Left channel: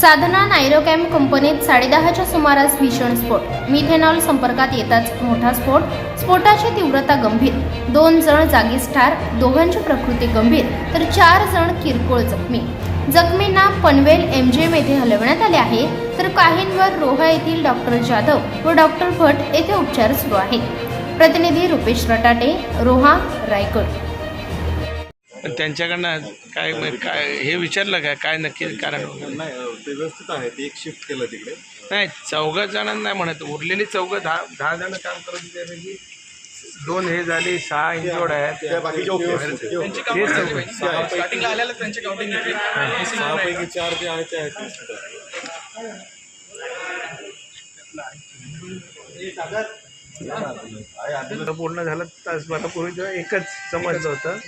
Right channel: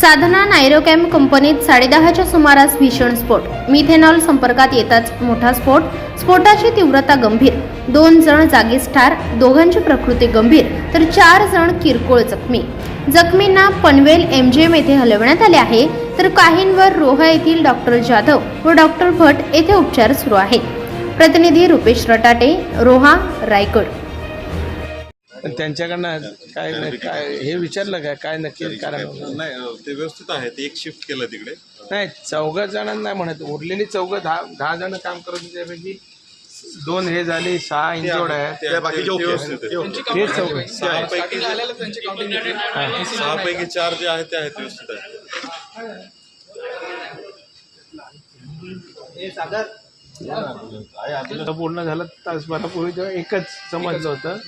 साधना नायरोकॅम कंपनीत साडेदहाच्या सुमारास भीषण स्फोट. मिथेनॉल संपर्कात येताच मोठा स्फोट. स्फोटाची तीव्रता गंभीर. दोन जण जागीच ठार दोघांची प्रकृती गंभीर तर चार जण किरकोळ जखमी. जखमींना पनवेल एमजीएम येथे हलवण्यात आले आहे तर काहींवर रोहा येथील डॉक्टर जाधव व डॉक्टर भट येथे उपचार सुरू आहेत. प्रतिनिधी रुपेश रटाटे रोहा रायगड. पण त्यांच्याकडनं काय काय हे विचारलं काय काय नक्की कारण? वगैरे? नाही ते व्यवस्थित आहे ते एक शिफ्ट केलं तिकडे. नाही चौघ जणांना नाही म्हणत. उरलेली चौघ दहा दहा जण काम करत होते त्यापैकी दोन हे झाले सहा इंजोड आहेत. त्या बाकीचे ओके आहेत. ते चौघ सहापैकी सहापैकी चार जे आहेत ते आहेत व्यवस्थित आता पूर्ण झालं तासभरापूर्वी तर एकच समजलं होतं.